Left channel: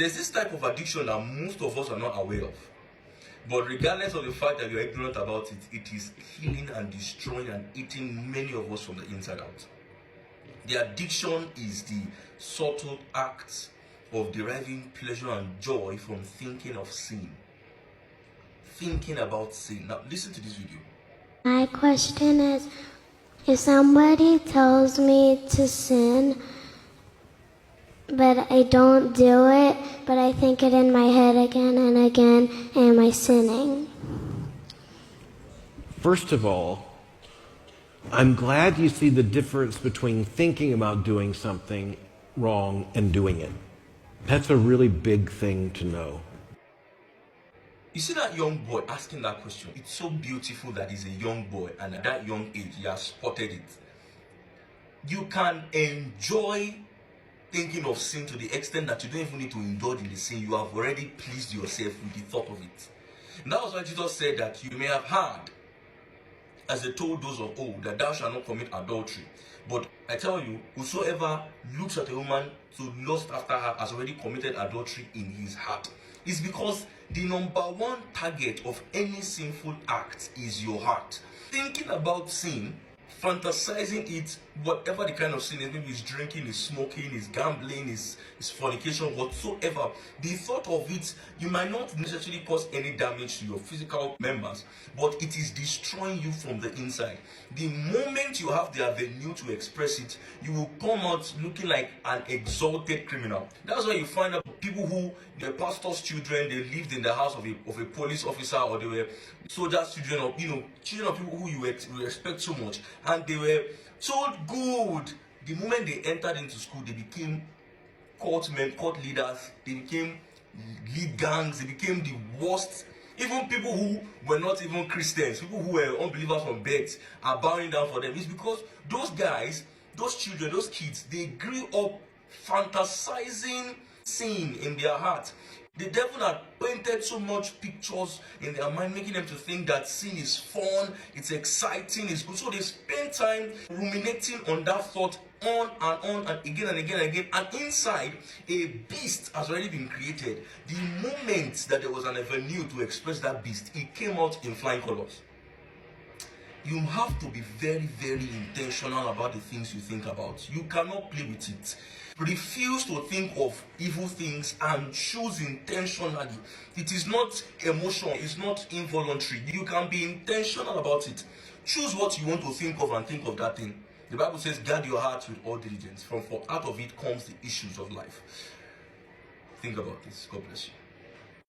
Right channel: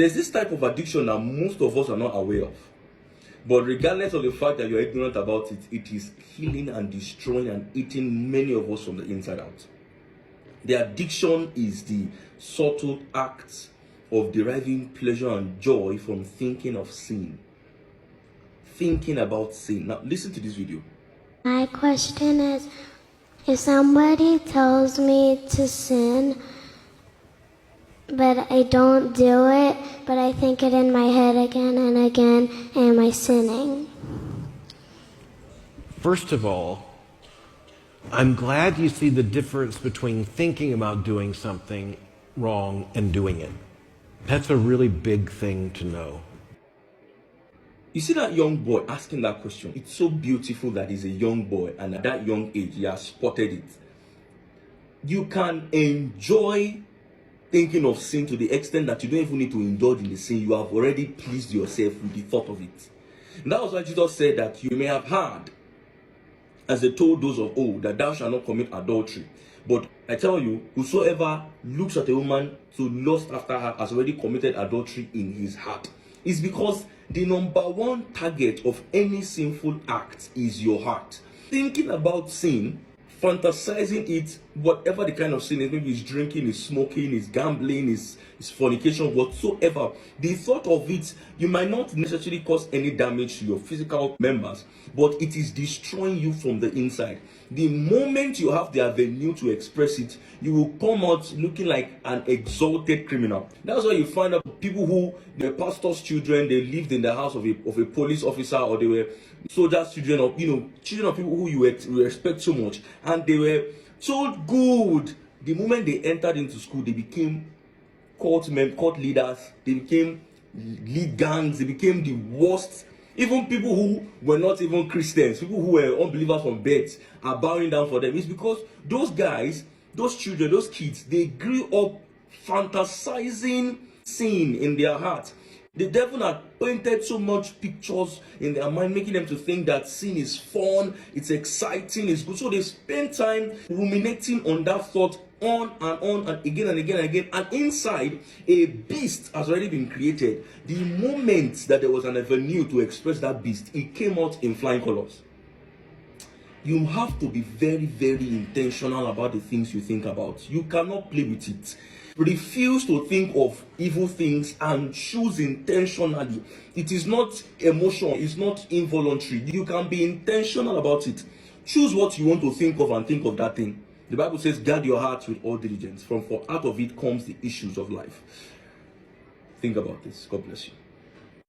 There's this type of addiction that most of us are not aware of. But regardless of the fact that you're ignorant about it, it is killing and destroying and eating many of us from the inside out. The addiction is the subtle act of deriving pleasure and joy from thinking of sin. Thinking about sin. Now, listen to this video. My question is, if somebody tells me to sin, but I don't do it, but I think it in my head again and again, am I sinning? First of all, I'm glad you see the difference between thinking about doing something wrong and doing it. That's a really big thing to know. You see that young boy asking that question? It's so beautiful that he's a young boy, and at that young age, he has spotted it. You can enjoy thinking of sin to the extent that you don't even need to indulge in the sin. You have already pleased yourself with the thought of it. And that was why Jesus said that you may have heard, as they told those of old, that thou shalt not commit adultery. But I tell you, whosoever looks at a woman to lust after her has already committed adultery in his heart. It's because the number one target of any sinful act is your heart. Thinking about sin, fantasizing it, whatever the kind of sin is, maybe it's drinking, it's smoking, it's gambling, it's fornication, whatsoever. The thought of it, you might not necessarily cause any damage to your physical members, but it is destroying you from the inside. The moment you have the avenue to express it, you will come out looking like an exalted criminal. That's why you find out people who were pastors' children, they lived in the house of a police officer, or they were soldiers' children, or children of people who you respect so much, and they were so good. The moment they entered into school, they became cult leaders, they became lead gangs, they became the worst. Even people who were not even Christians, people who were unbelievers from birth, are bowing down for them. It's because those guys, those children, those kids, they grew up fantasizing sin in their heart. The devil had painted so much pictures in their mind, making them to think that sin is fun, it's exciting, it's good. So they spend time ruminating on that thought on and again and again and again. And inside, a beast has already been created. The moment that there was an avenue to express that beast, it came out in flying colors. You have to be very, very intentional about the things you think about. You cannot play with it. Refuse to think of evil things and choose intentionally. It is not emotion, it's not involuntary. You can be intentional about it. Choose what you want to think of and think of that thing. The Bible says, guard your heart with all diligence, for out of it comes the issues of life. Think about this. God bless you.